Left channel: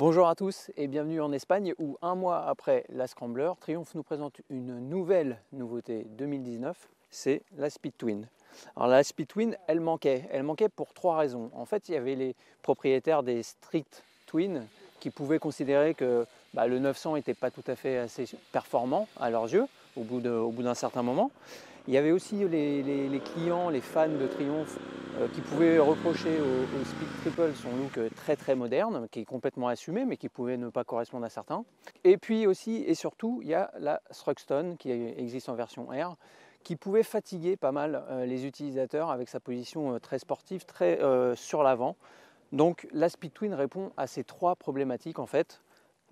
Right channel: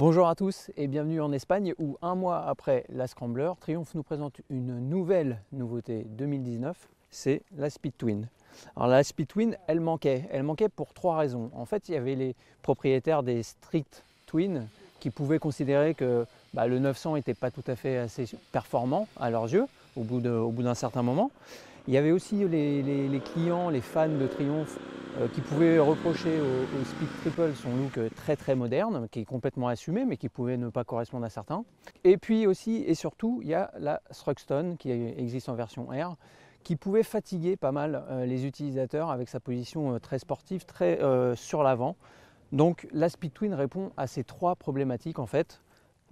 Bonjour à tous et bienvenue en Espagne où un mois après la Scrambler, Triumph nous présente une nouvelle nouveauté 2019, c'est la Speed Twin. Alors la Speed Twin, elle manquait pour trois raisons. En fait, il y avait les propriétaires des Street Twin qui pouvaient considérer que le 900 n'était pas tout à fait assez performant à leurs yeux au bout d'un certain moment. Il y avait aussi les clients, les fans de Triumph qui pouvaient reprocher au Speed Triple son look très moderne, qui est complètement assumé mais qui pouvait ne pas correspondre à certains. Et puis aussi et surtout, il y a la Thruxton qui existe en version R, qui pouvait fatiguer pas mal les utilisateurs avec sa position très sportive, très sur l'avant. Donc la Speed Twin répond à ces trois problématiques en fait,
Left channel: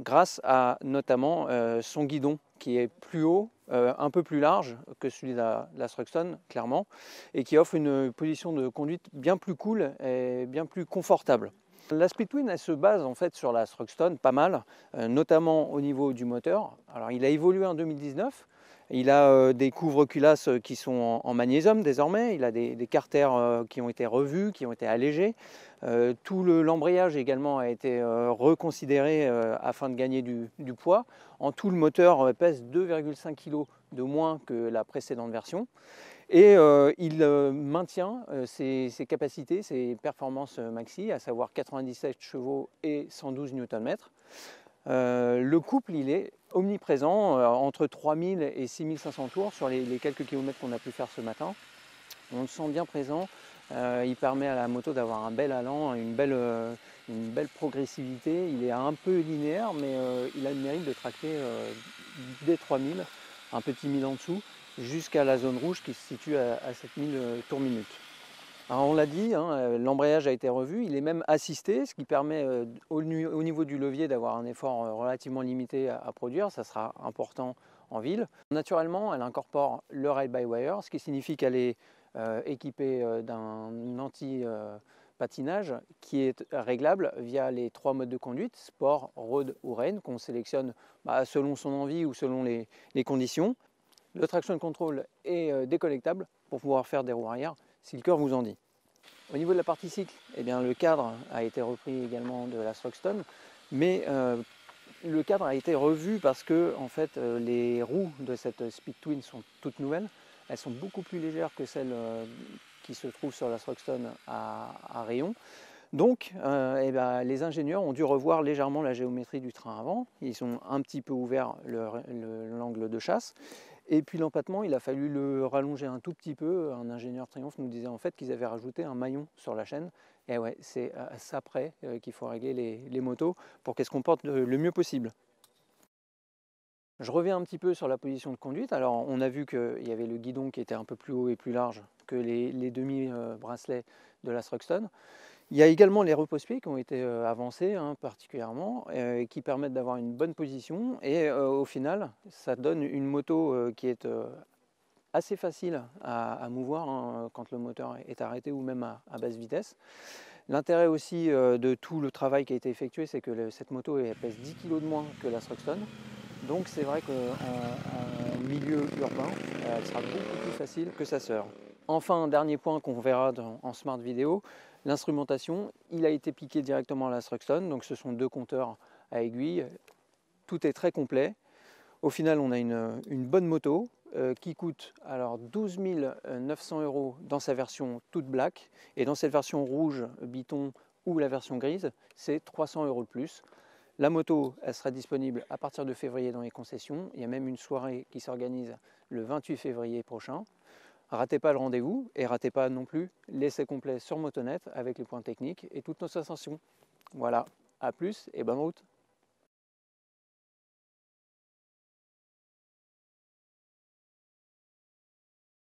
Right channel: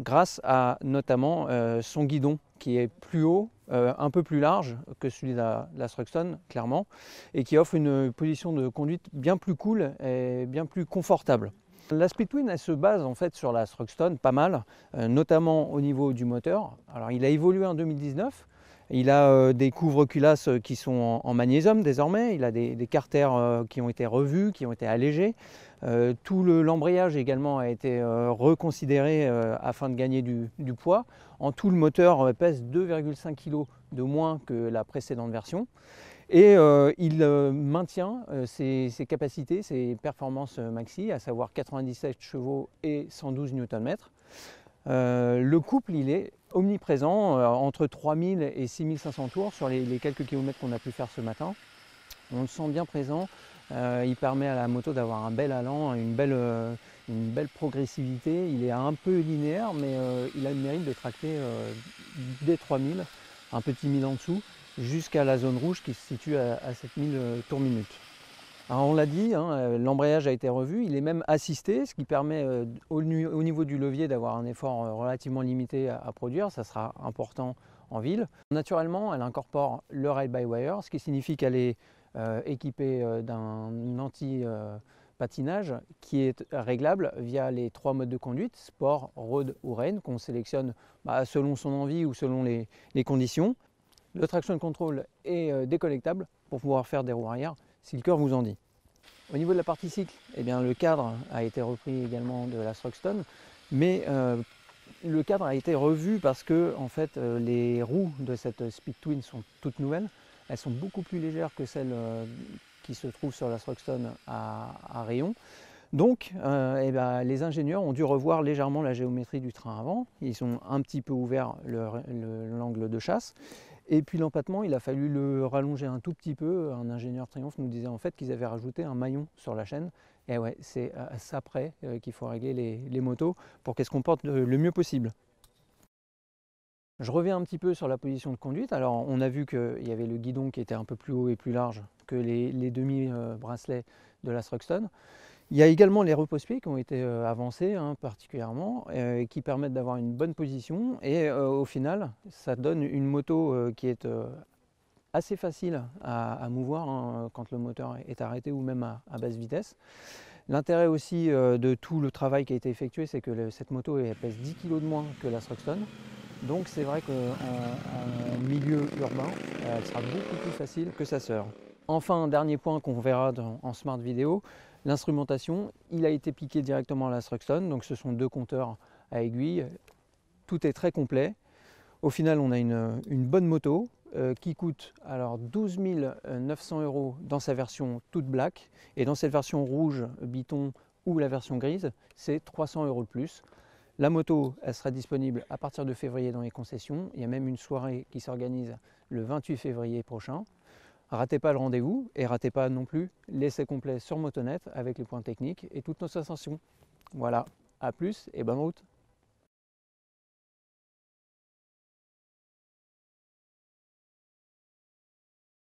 grâce à notamment son guidon qui est plus haut, un peu plus large que celui de la Thruxton clairement, et qui offre une position de conduite bien plus cool et bien plus confortable. La Speed Twin elle se base en fait sur la Thruxton pas mal, notamment au niveau du moteur. Alors il a évolué en 2019. Il a des couvre-culasses qui sont en magnésium désormais, il a des carters qui ont été revus, qui ont été allégés. Tout l'embrayage également a été reconsidéré afin de gagner du poids. En tout, le moteur pèse 2,5 kg de moins que la précédente version. Et il maintient ses capacités, ses performances maxi, à savoir 97 chevaux et 112 Nm. Le couple, il est omniprésent, entre 3000 et 6500 tours sur les quelques kilomètres qu'on a pu faire ce matin. On le sent bien présent, il permet à la moto d'avoir un bel allant, une belle progressivité. Il est un peu linéaire, mais il a le mérite de tracter dès 3000, un petit 1000 en dessous, jusqu'à la zone rouge qui se situe à 7000 tours minute. Alors on l'a dit, l'embrayage a été revu, il est même assisté, ce qui permet au niveau du levier d'avoir un effort relativement limité à produire, ça sera important en ville. Naturellement, elle incorpore le ride-by-wire, ce qui signifie qu'elle est équipée d'un anti-patinage qui est réglable via les trois modes de conduite, sport, road ou rain, qu'on sélectionne selon son envie ou selon les conditions. Le traction control est déconnectable pour pouvoir faire des roues arrière si le cœur vous en dit. Au niveau de la partie cycle, eh bien, le cadre a été repris également de la Thruxton, mais le cadre a été revu parce que en fait, les roues de cette Speed Twin sont toutes nouvelles. Elles sont beaucoup plus légères que celles qui se trouvent sur la Thruxton à rayon. Donc les ingénieurs ont dû revoir légèrement la géométrie du train avant. Ils ont un petit peu ouvert l'angle de chasse. Et puis l'empattement, il a fallu le rallonger un tout petit peu. Un ingénieur Triumph nous disait en fait qu'ils avaient rajouté un maillon sur la chaîne. Et ouais, c'est à ça près qu'il faut régler les motos pour qu'elles se comportent le mieux possible. Je reviens un petit peu sur la position de conduite. Alors on a vu qu'il y avait le guidon qui était un peu plus haut et plus large que les demi-bracelets de la Thruxton. Il y a également les repose-pieds qui ont été avancés particulièrement, qui permettent d'avoir une bonne position et au final ça donne une moto qui est assez facile à mouvoir quand le moteur est arrêté ou même à basse vitesse. L'intérêt aussi de tout le travail qui a été effectué, c'est que cette moto elle pèse 10 kg de moins que la Thruxton. Donc c'est vrai qu'en milieu urbain, elle sera beaucoup plus facile que sa sœur. Enfin, dernier point qu'on verra en Smart Vidéo, l'instrumentation, il a été piqué directement à la Thruxton, donc ce sont deux compteurs à aiguille, tout est très complet. Au final, on a une bonne moto qui coûte alors 12 900 € dans sa version toute black, et dans cette version rouge, biton ou la version grise, c'est 300 € de plus. La moto, elle sera disponible à partir de février dans les concessions. Il y a même une soirée qui s'organise le 28 février prochain. Ratez pas le rendez-vous et ratez pas non plus l'essai complet sur Motonet avec les points techniques et toutes nos sensations. Voilà, à plus et bonne route.